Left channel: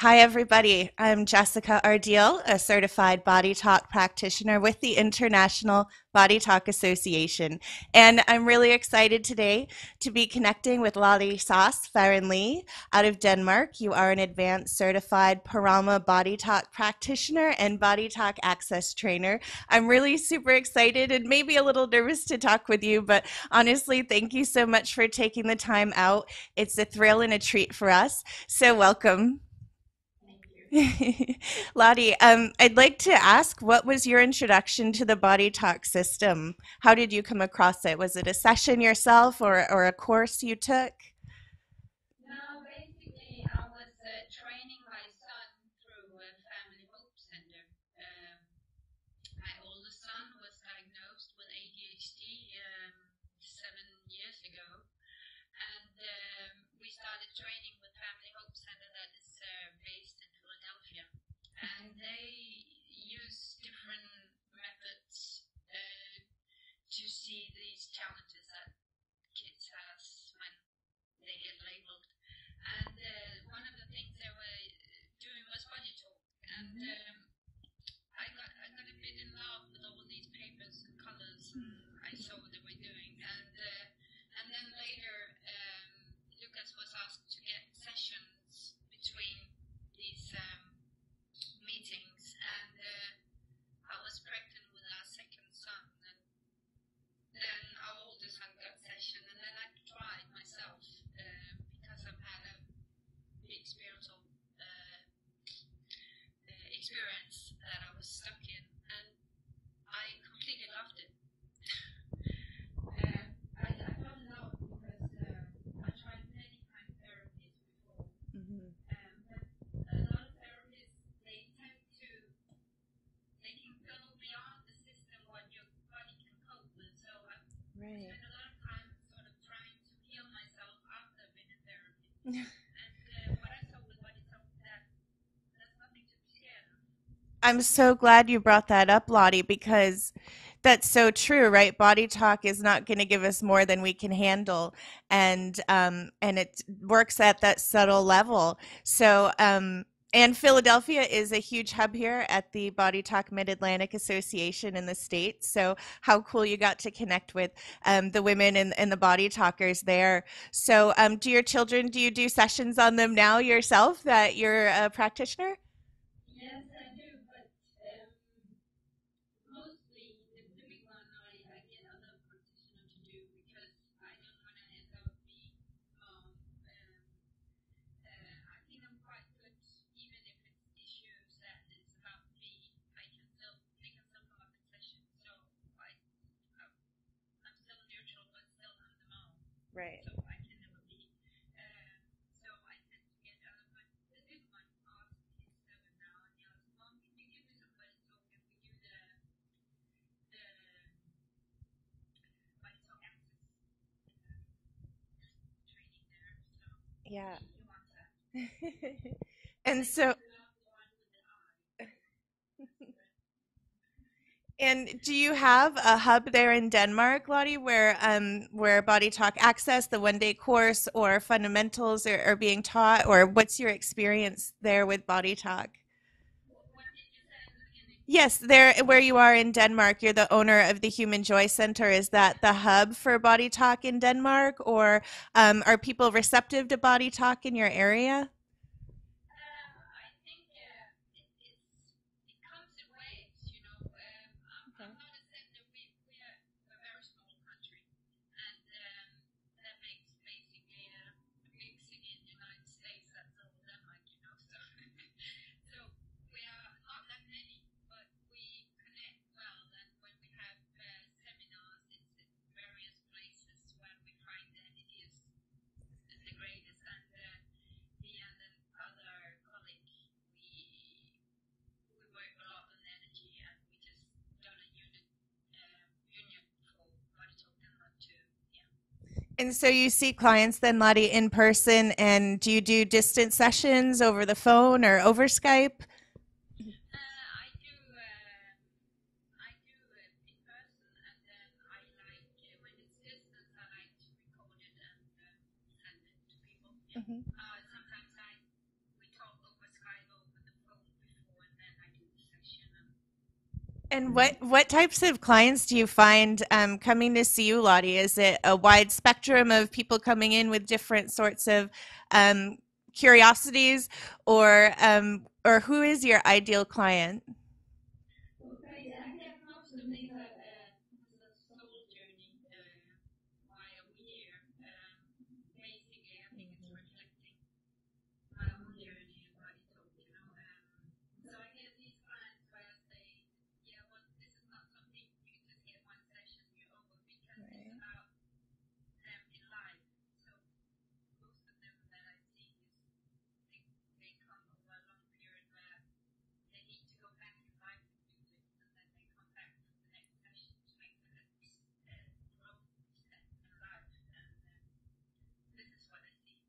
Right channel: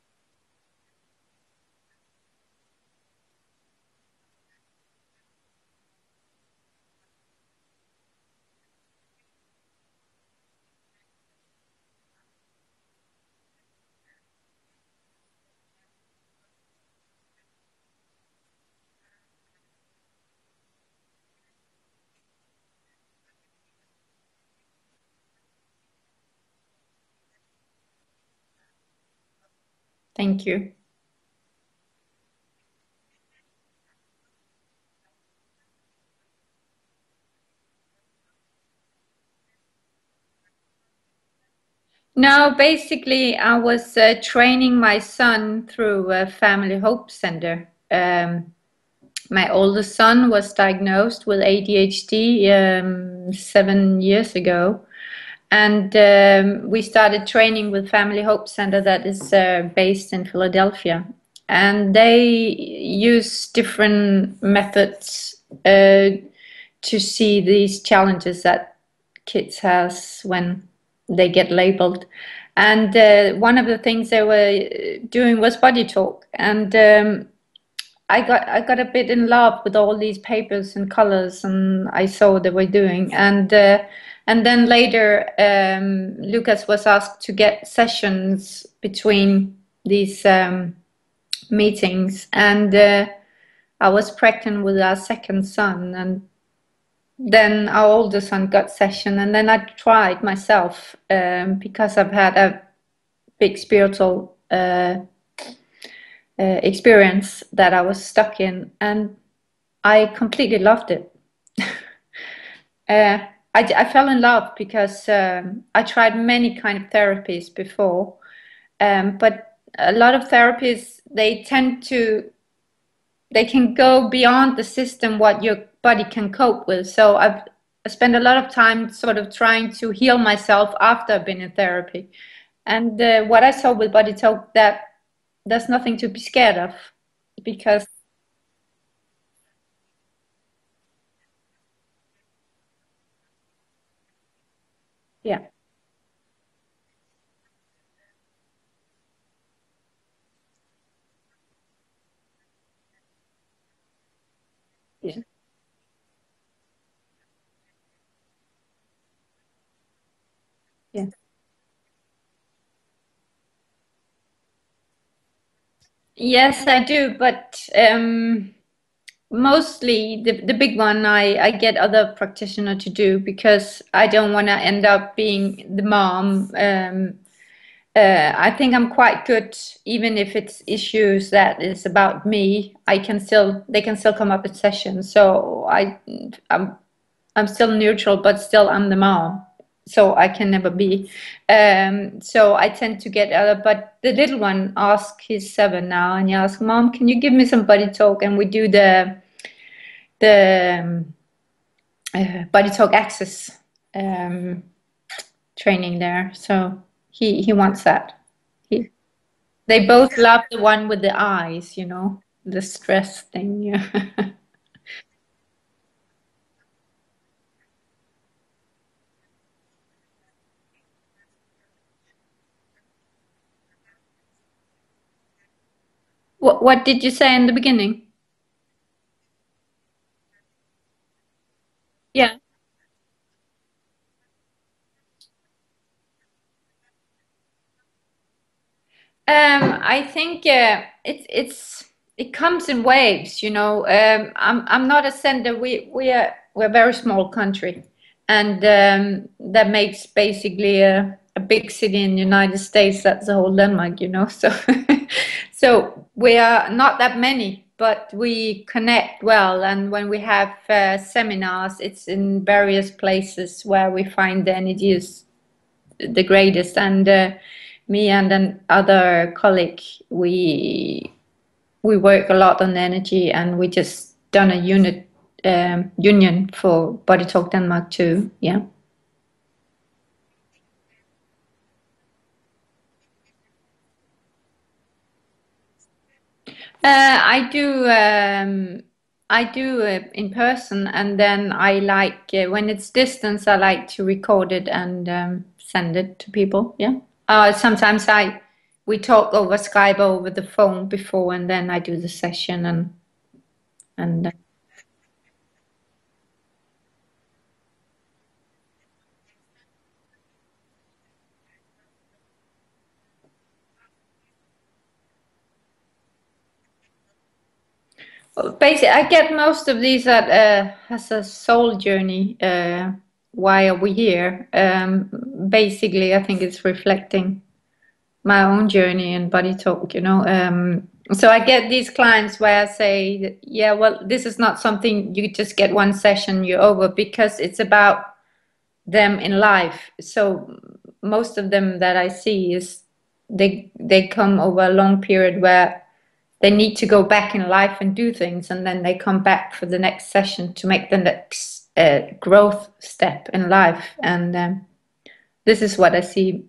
Hi, everybody. I'm Jessica Ardeal, a certified body talk practitioner with the International Body Talk Association. And I'm really excited today to be connecting with Lotte Farran-Lee out of Denmark. You are an advanced certified Parama body talk practitioner and body talk access trainer. I'm really super excited and maybe a little nervous to talk with you, but honestly, thank you so much for taking the time out. It's a thrill and a treat for us. So welcome. Thank you. Lottie, I'd like to ask, what was your introduction to the body talk system? How did you come across it? Was it a session yourself or a course you took? No, basically, I was training my son through a family hope center. My oldest son was diagnosed with ADHD 7 years ago, and we started training with Family Hope Center that is based in Philadelphia, and they use different methods to see these challenges that kids has when they get labeled. And one of the things they were doing was body talk, and I got a bit in love with all these papers and colors, and I saw what they were doing, and then later Lucas was asked to get sessions between these meetings, and I was pregnant with our second son, and then our older son got session, and then I tried myself because I've had a big spiritual experience that I was stuck in, and I completely loved it. uh, I fell in love because I tried many kind of therapies before, but a lot of therapies, they can go beyond the system what your body can cope with. So I spent a lot of time sort of trying to heal myself after I've been in therapy. And what I saw with body talk, that there's nothing to be scared of, I'm because so glad you brought that up, Lottie, because that's so true, right? Body talk is not going to give us more than we can handle, yeah. and it works at that subtle level. And Philadelphia is a huge hub here at the Body Talk Mid-Atlantic Association in the Yeah. States. So how cool you got to connect with the women and the body talkers there. So Yeah. do you do sessions on them now yourself that you're a practitioner? Yes, I do, but mostly the big one I get other practitioner to do, because I don't want to end up being the mom. I think I'm quite good, even if it's issues that is about me. They can still come up at sessions. So I'm I'm still neutral, but still I'm the mom. Right. So I can never be. So I tend to get other, but the little one asks, he's 7 now, and he asks, Mom, can you give me some body talk? And we do the body talk access um, training there. So Yeah. he wants that. He, they And so, both love the one with the eyes, the stress thing. Yeah. and do you have a hub there in Denmark, Lottie, where Body Talk Access, the 1 day course, or fundamentals are being taught, or what's your experience there with Body Talk? What did you say in the beginning? Yes, there where you are in Denmark, you're the owner of the Human Joy Center. Is Yeah. that the hub for Body Talk in Denmark, or are people receptive to Body Talk in your area? I think it comes in waves, you know. I'm not a center. We're a very small country, and that makes basically a big city in the United States. That's the whole Denmark, you know. So so we are not that many, but we connect well. And when we have seminars, it's in various places where we find the energy is the greatest. And me and another colleague, we work a lot on energy, and we just done a union for Body Talk Denmark too. Yeah. And so you see clients then, Lottie, in person, and do you do distance sessions over the phone or over Skype? I do. I do in person, and then I like when it's distance. I like to record it and send it to people. Yeah. Mhm. Sometimes we talk over Skype over the phone before, and then I do the session And and what types of clients do you find coming to see you, Lotte? Is it a wide spectrum of people coming in with different sorts of um, curiosities, or who is your ideal client? basically I get most of these that has a soul journey. Why are we here? Basically, I think it's reflecting my own journey and body talk, you know. So I get these clients where I say, that, yeah, well, this is not something you just get one session, you're over, because it's about them in life. So most of them that I see is they come over a long period where they need to go back in life and do things, and then they come back for the next session to make the next growth step in life. And this is what I see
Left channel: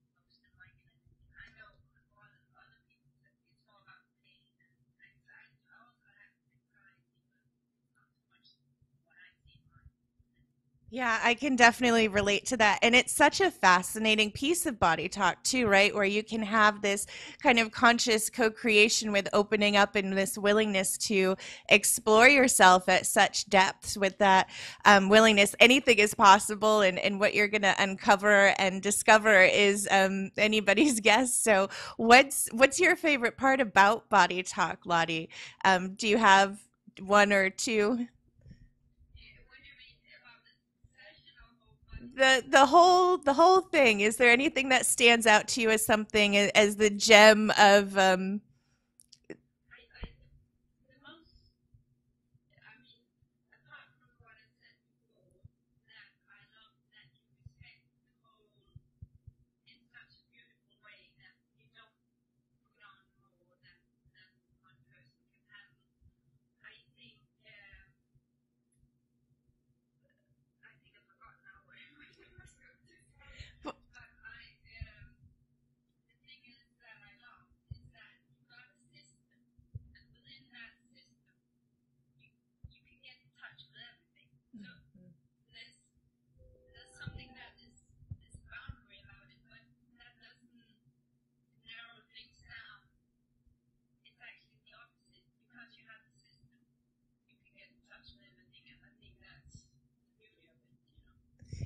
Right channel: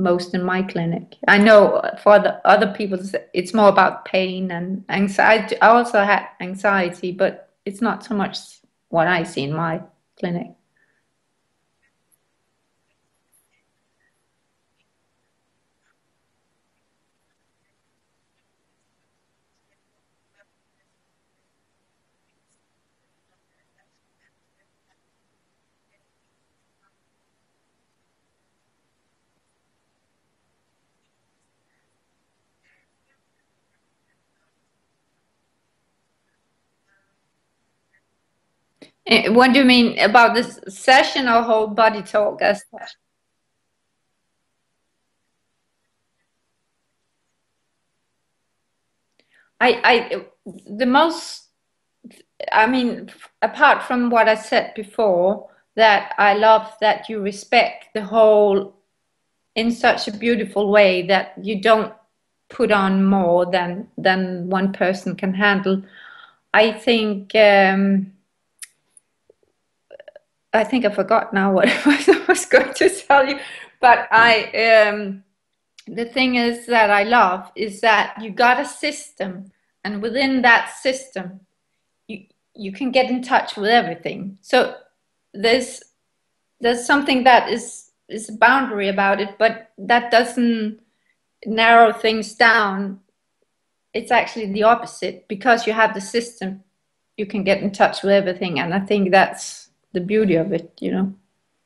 most in my clinic. I know for the other people, it's more about pain and anxiety. I also had anxiety, but it's not so much what I see in my clinic. Yeah, I can definitely relate to that. And it's such a fascinating piece of body talk, too, right? Where you can have this kind of conscious co creation with opening up and this willingness to explore yourself at such depths with that willingness. Anything is possible, and what you're going to uncover and discover is anybody's guess. So, what's your favorite part about body talk, Lotte? Do you have one or two? What do you mean about this session or whole body talk? The whole thing. Is there anything that stands out to you as something as the gem of I the most, I mean, apart from what I said before, that I love that you respect the whole in such a beautiful way that you don't put on more than one person can handle. I think I think I forgot now what I was going to tell you, but the thing is that I love is that you got a system, and within that system, you you can get in touch with everything. So there's there's something that is a boundary about it, but that doesn't narrow things down. It's actually the opposite. Because you have the system, you can get in touch with everything, and I think that's the beauty of it, you know.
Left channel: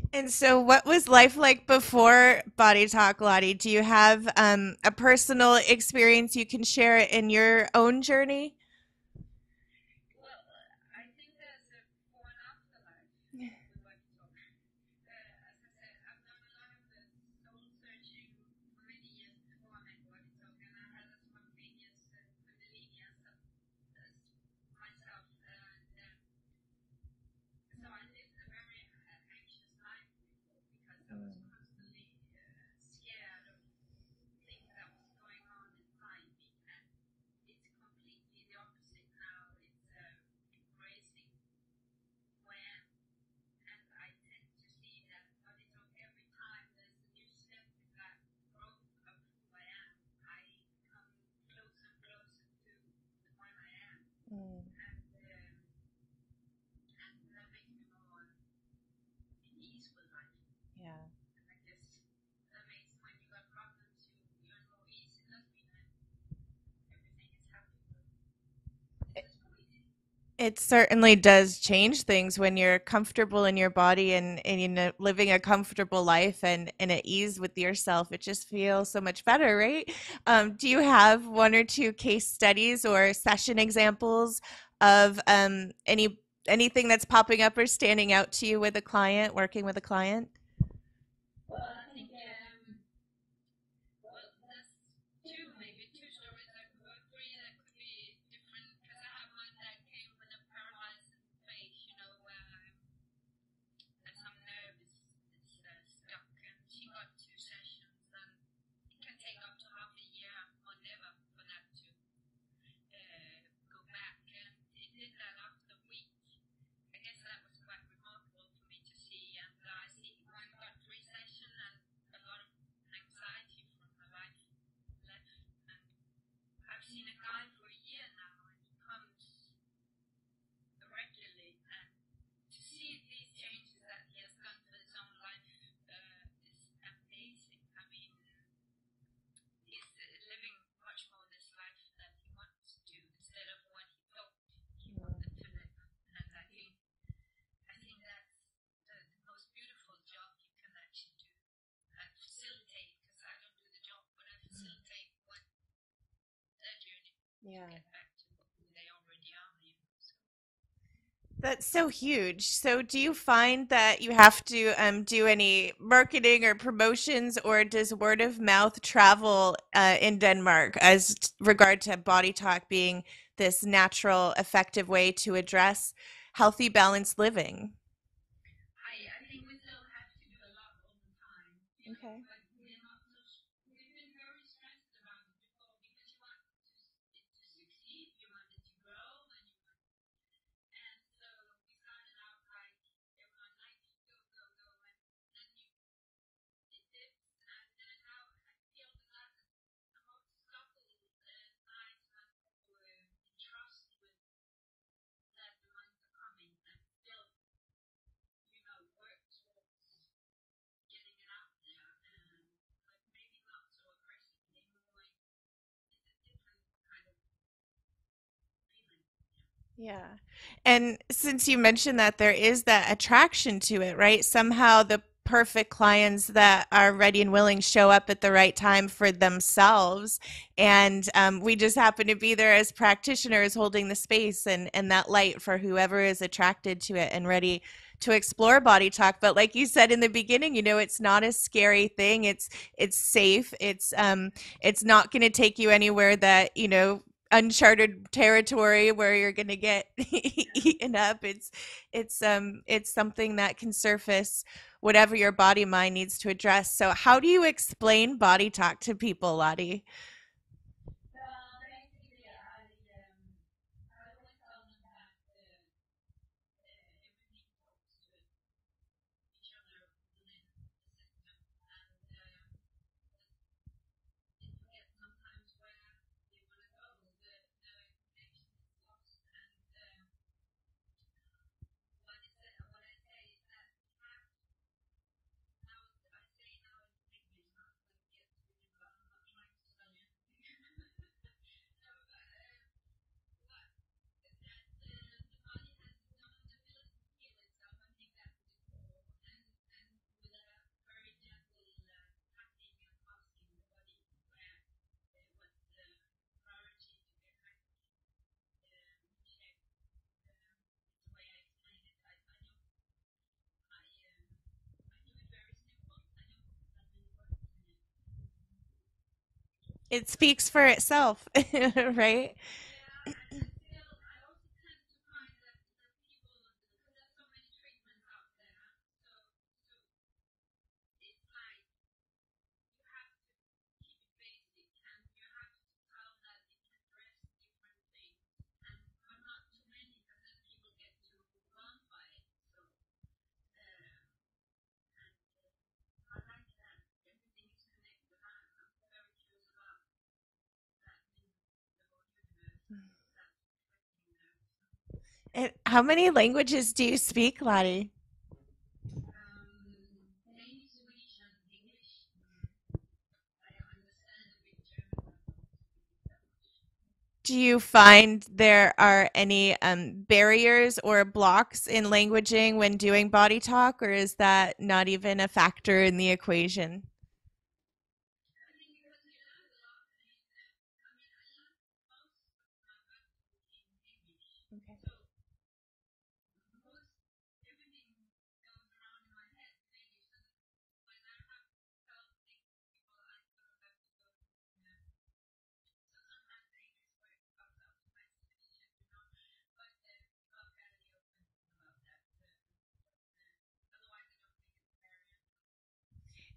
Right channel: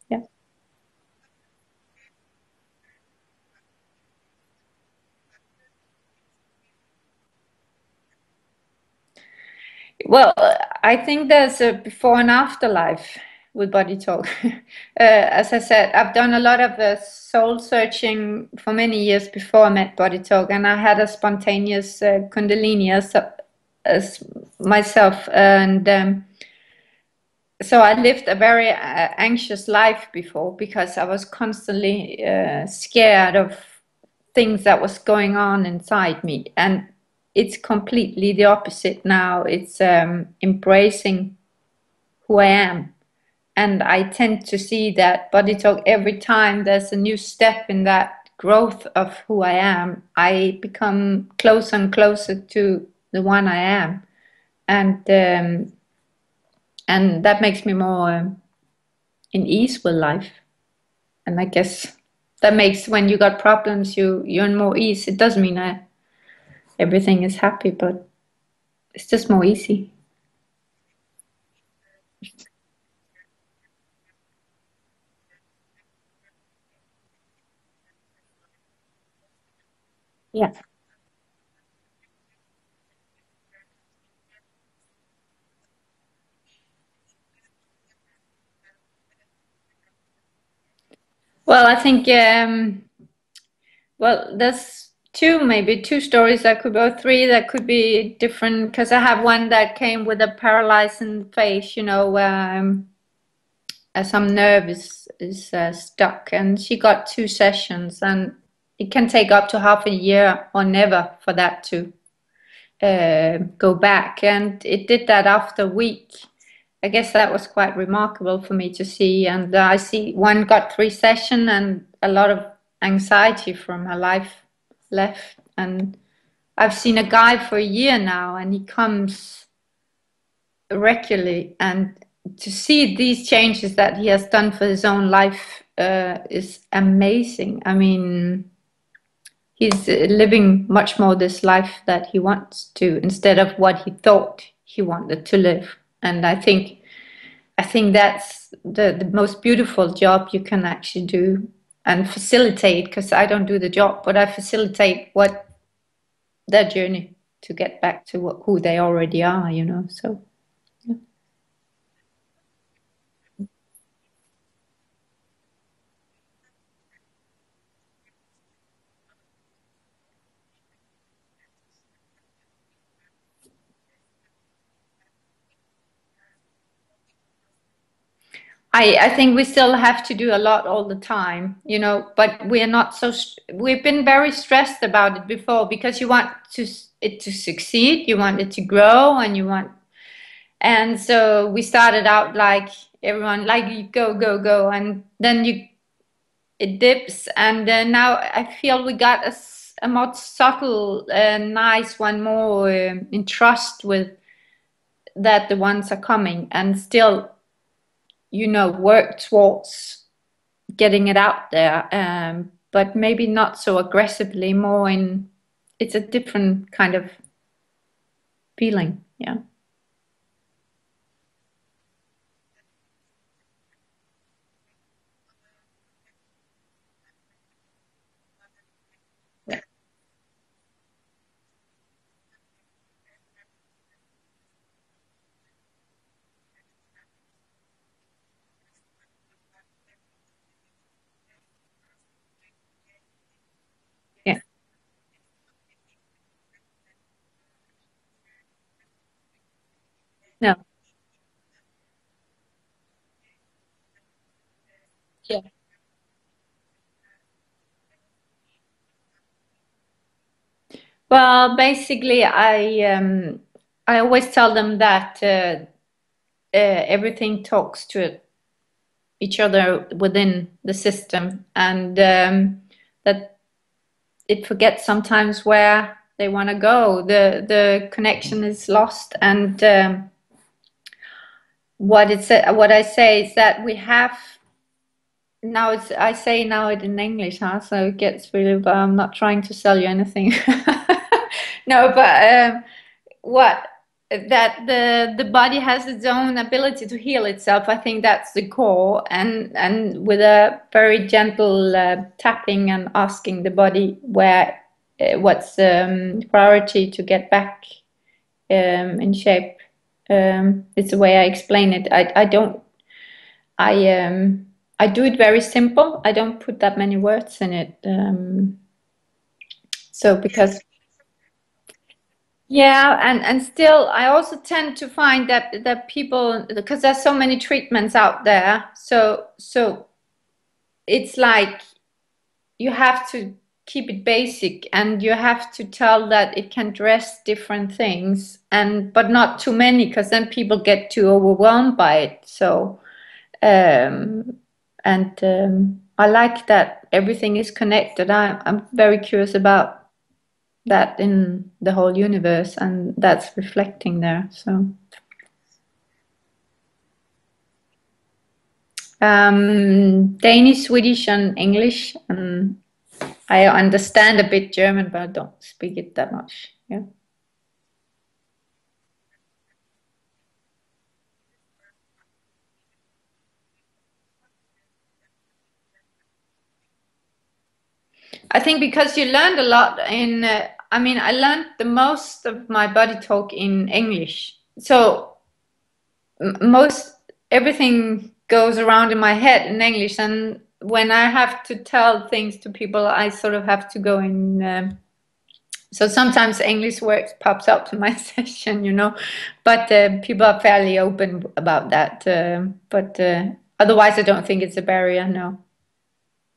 Yeah. And so, what was life like before Body Talk, Lotte? Do you have a personal experience you can share in your own journey? Well, I think there's a before and after life with body talk. As I said, I've done a lot of soul searching for many years before I met body talk, and I had a spontaneous Kundalini as myself, and so I lived a very anxious life before because I was constantly scared of things that was going on inside me, and it's completely the opposite now. It's embracing who I am, and I tend to see that body talk every time there's a new step in that growth of who I am. I become closer and closer to the one I am, and that makes me more in ease with life. And I guess that makes when you got problems, you're in more ease. It doesn't mean that everything is happy, but it's just more easy. It certainly does change things when you're comfortable in your body and you know, living a comfortable life and at ease with yourself. It just feels so much better, right? Yeah. Do you have one or two case studies or session examples of anything that's popping up or standing out to you with a client, working with a client? Well, I think well, there's maybe two stories that could go three that could be different because I have one that came with a paralyzing face, you know, some nerve is stuck, and she got two sessions, and it can take up to half a year or never for that to go back, and it did that after a week. I guess that was quite remarkable for me to see, and I see one got three sessions, and a lot of anxiety from her life left. And I've seen a guy for a year now, and he comes regularly, and to see these changes that he has done for his own life is amazing. I mean, he's living much more this life that he wants to instead of what he thought he wanted to live. And I think that's the most beautiful job you can actually do and facilitate, because I don't do the job, but I facilitate what their journey to get back to who they already are, So yeah. That's so huge. So, do you find that you have to do any marketing or promotions, or does word of mouth travel in Denmark as regard to body talk being this natural, effective way to address healthy, balanced living? I think we still have to do a lot all the time, but we are not so, we've been very stressed about it before because you want it to succeed, you want it to grow, and so we started out like everyone, like you go, go, go, and then it dips, and now I feel we got a more subtle, nice one, more in trust with that the ones are coming, and still, work towards getting it out there, but maybe not so aggressively, more in, it's a different kind of feeling. Yeah. Yeah. And since you mentioned that there is that attraction to it, right? Somehow the perfect clients that are ready and willing show up at the right time for Yeah. themselves. And we just happen to be there as practitioners holding the space and that light for whoever is attracted to it and ready to explore body talk. But like you said in the beginning, it's not a scary thing. It's safe. Yeah. It's not going to take you anywhere that, uncharted territory where you're gonna get No. eaten up. It's something that can surface whatever your Yeah. body mind needs to address. So how do you explain body talk to people, Lottie? Well, basically, I always tell them that everything talks to each other within the system, and that it forgets sometimes where they want to go. The connection is lost, and what I say is that we have now. I say now it in English, huh? So it gets really. But I'm not trying to sell you anything. No, but what that the body has its own ability to heal itself. I think that's the core, and with a very gentle tapping and asking the body where what's priority to get back in shape. It's the way I explain it. I don't I do it very simple. I don't put that many words in it. It So speaks because for itself, right? yeah, and still, I also tend to find that people, because there's so many treatments out there, so it's like you have to keep it basic, and you have to tell that it can dress different things, and but not too many, because then people get too overwhelmed by it. So um, and I like that everything is connected. I'm very curious about that in the whole universe, and that's reflecting there. So And how many languages do you speak, Lottie? Danish, Swedish, and English, and I understand a bit German, but I don't speak it that much. Yeah. Do you find there are any barriers or blocks in languaging when doing body talk, or is that not even a factor in the equation? I think because you learned a lot in, I mean, I learned the most of my body talk in English. So most everything goes around in my head in English, and when I have to tell things to people, I sort of have to go in. So sometimes English words pops up in my session, but people are fairly open about that. But otherwise, I don't think it's a barrier. No.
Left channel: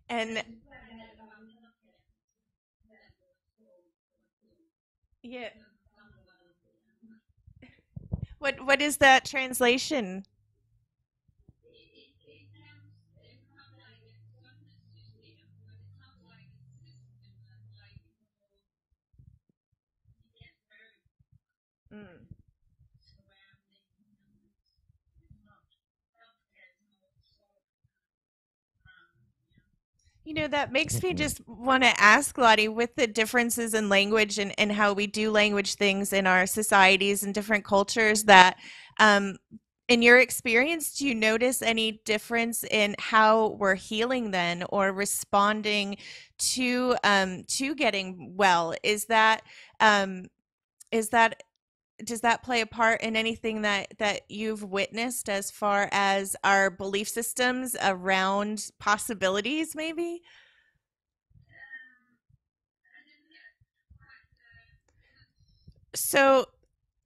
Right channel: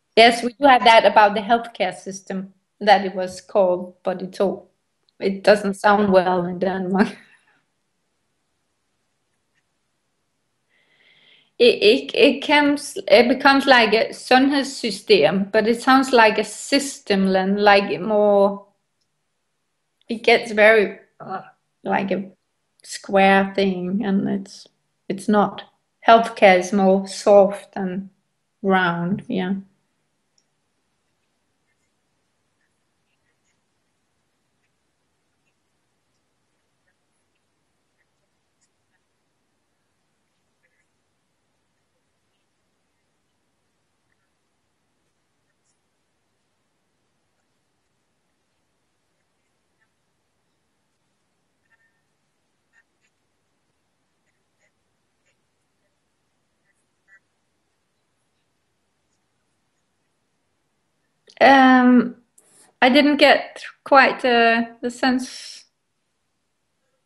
And Yes, we do have that about the healthcare system, that it was called, but it yeah, doesn't sound well in Denmark. what is that translation? It becomes like a sundhedssystem, but it sounds like a system, and like more. It gets very like a square thing, and it's not. Healthcare is more soft and round. Yeah. That makes me just want to ask Lottie, with the differences in language and how we do language things in our societies and different cultures, that um, in your experience, do you notice any difference in how we're healing then or responding to getting well? Um, is that does that play a part in anything that you've witnessed as far as our belief systems around possibilities, maybe? Um, I didn't get quite the sense. So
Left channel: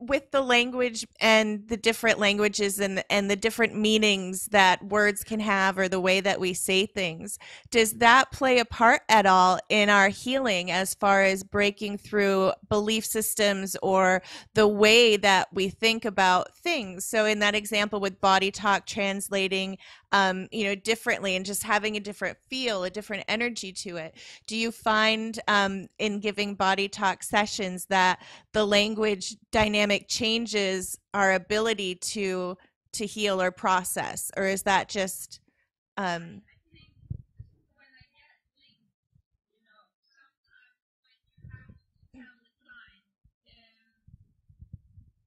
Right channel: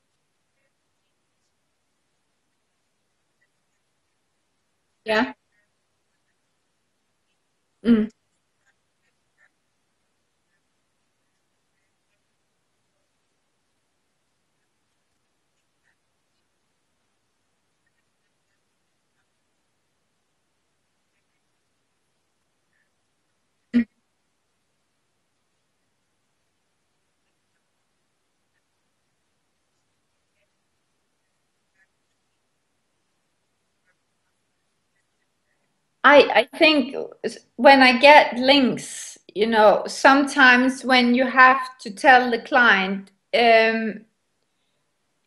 with the language and the different languages and the different meanings that words Yeah. can have, or the way that we say things, does Mm. that play a part at all in our healing as far as breaking through belief systems or the way that we think about things? So in that example with body talk, translating differently and just having a different feel, a different energy to it, do you find in giving body talk sessions that the language dynamic changes our ability to heal or process, or is that just I think when I get links, sometimes when you have to tell the client,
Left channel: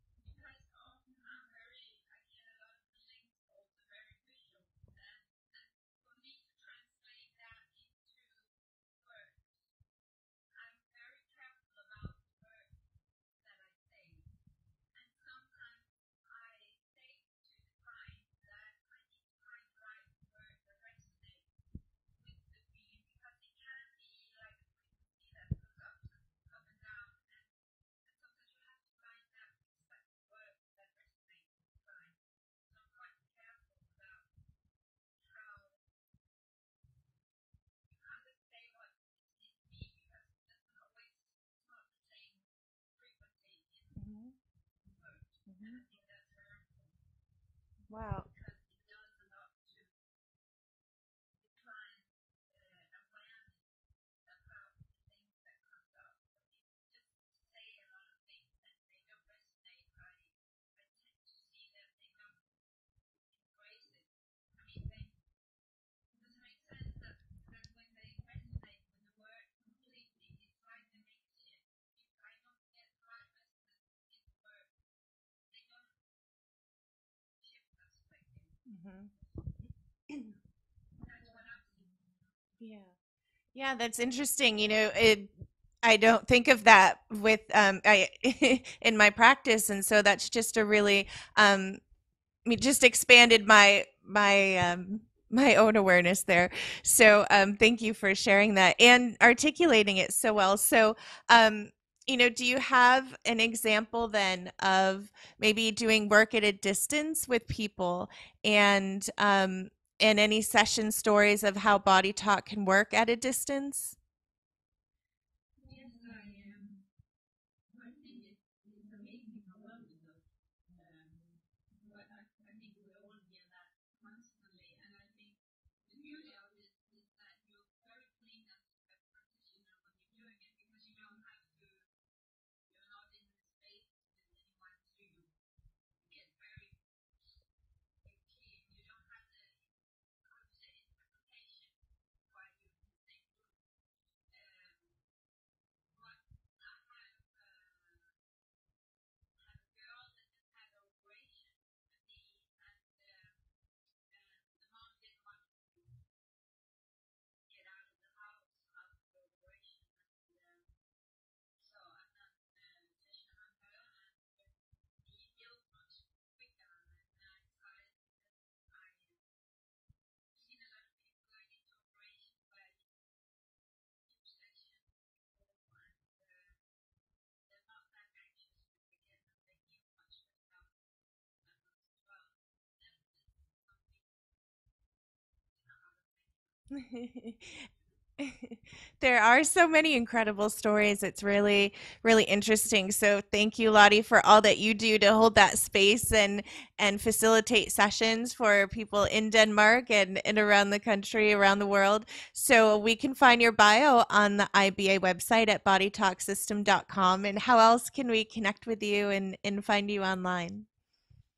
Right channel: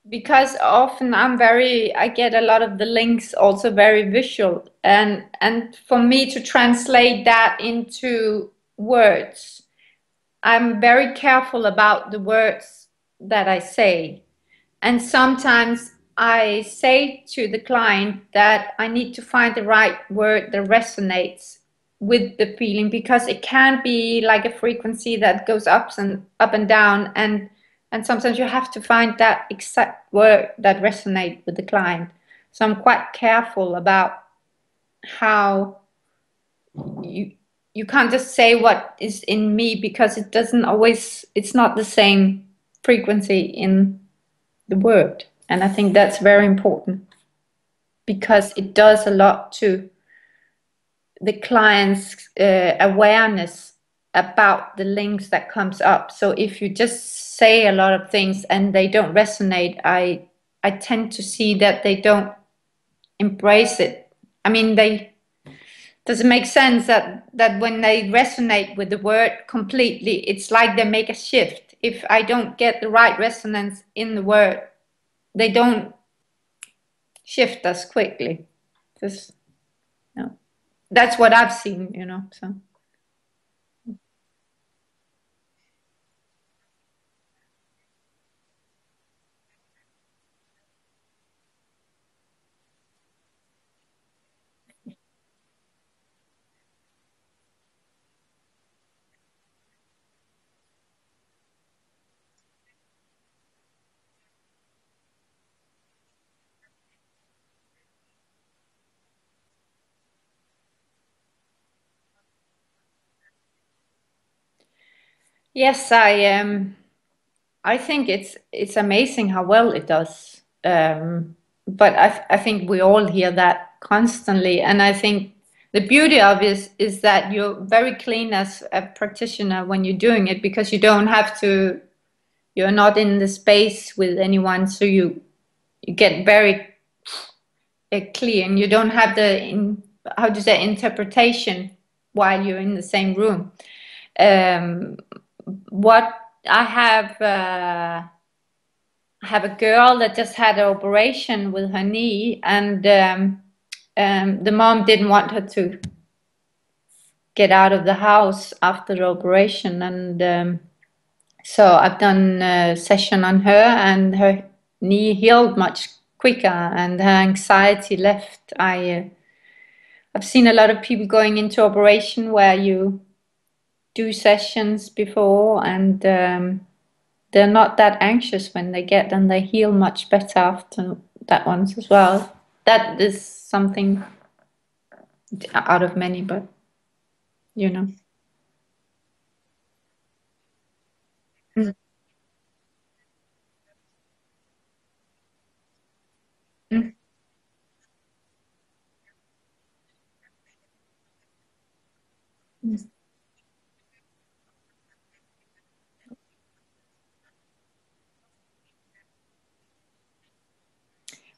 because often I get a lot of the links also very visual, and for me to translate that into words, I'm very careful about the words that I say. And sometimes I say to the client that I need to find the right word that resonates with the feeling, because it can be like a frequency that goes up and down, and sometimes you have to find that exact word that resonates with the client. So I'm quite careful about how you you can't just say what is in me, because it's not the same frequency in the word. And I think that's very important, wow. because it does a lot to the client's awareness about the links that comes up. So if you just say a lot of things and they don't resonate, I tend to see that they don't embrace it. I mean, they does it make sense that when they resonate with the word completely, it's like they make a shift. If I don't get the right resonance in the word, they don't shift as quickly. Mhm. Just, that's what I've seen. So Yeah. Yeah, that's interesting. I don't think of that with I in my practice, and so that's just a really just expanded my own awareness there. So thank you for sharing that and articulating it so well. So um, do you have an example then of maybe doing work at a distance with people, and and any session stories of how body talk can work at a distance? yes, I think it's amazing how well it does. But I think we all hear that constantly, and I think the beauty of it is that you're very clean as a practitioner when you're doing it, because you don't have to. You're not in the space with anyone, so you get very clear, and you don't have how do you say, interpretation while you're in the same room. Um, what I have a girl that just had an operation with her knee, and the mom didn't want her to get out of the house after the operation, and so I've done a session on her, and her knee healed much quicker, and her anxiety left. I've seen a lot of people going into operation where you do sessions before, and they're not that anxious when they get, and they heal much better after that ones as well. That is something out of many, but you know. There are so many incredible stories. It's Mm, really, really interesting. So thank you, Lottie, for all that you do to hold that space mm, and facilitate sessions for people in Denmark and around the country, around the world. So yes. we can find your bio on the IBA website at bodytalksystem.com. And how else can we connect with you and find you online?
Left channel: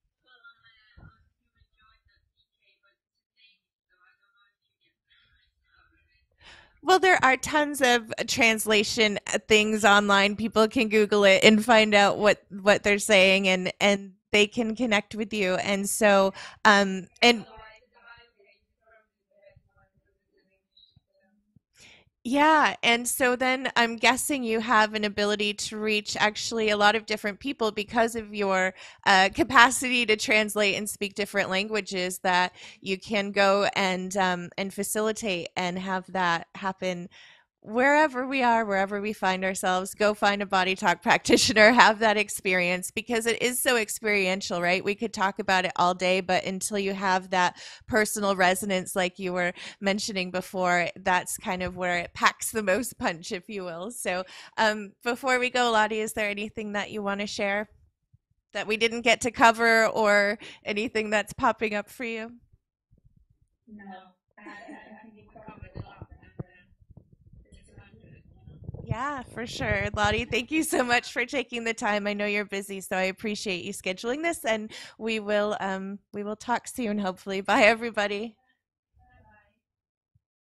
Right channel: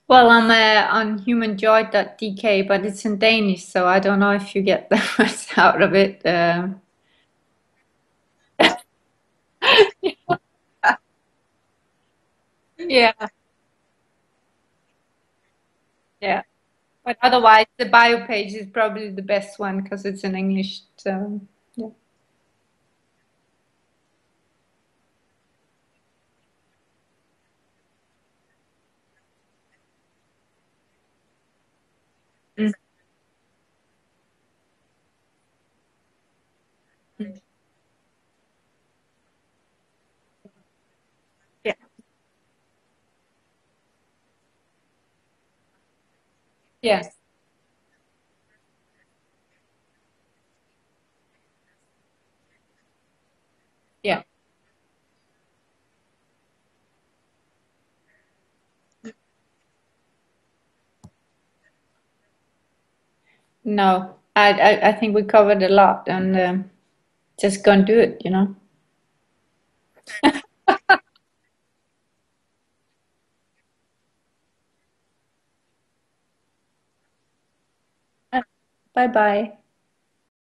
Well, I'm on humanjoy.dk, but it's in Danish, so I don't know if you get that much out of it. Well, there are tons of translation things online. People can Google it and find out what they're Yeah, saying, and they can connect with you. And so, yeah. But and otherwise, the bio page is probably the best one because it's in English. So yeah. yeah, and so then I'm guessing you have an ability to reach actually a lot of different people because of your capacity to translate and speak different languages. That Mm, you can go and facilitate and have that happen mm. wherever we are, wherever we find ourselves. Go find a body talk practitioner, Yeah, have that experience because it is so experiential, right? We could talk about it all day, but until you yeah, have that personal resonance, like you were mentioning before, that's kind of where it packs the most punch, if you will. yeah. So, before we go, Lotte, is there anything that you want to share that we didn't get to cover or anything that's popping up for you? No, I think we covered a lot, and just gonna do it, you know. Yeah, for sure. Lotte, thank you so much for taking the time. I know you're busy, so I appreciate you scheduling this and we will talk soon, hopefully. Bye everybody. Bye bye.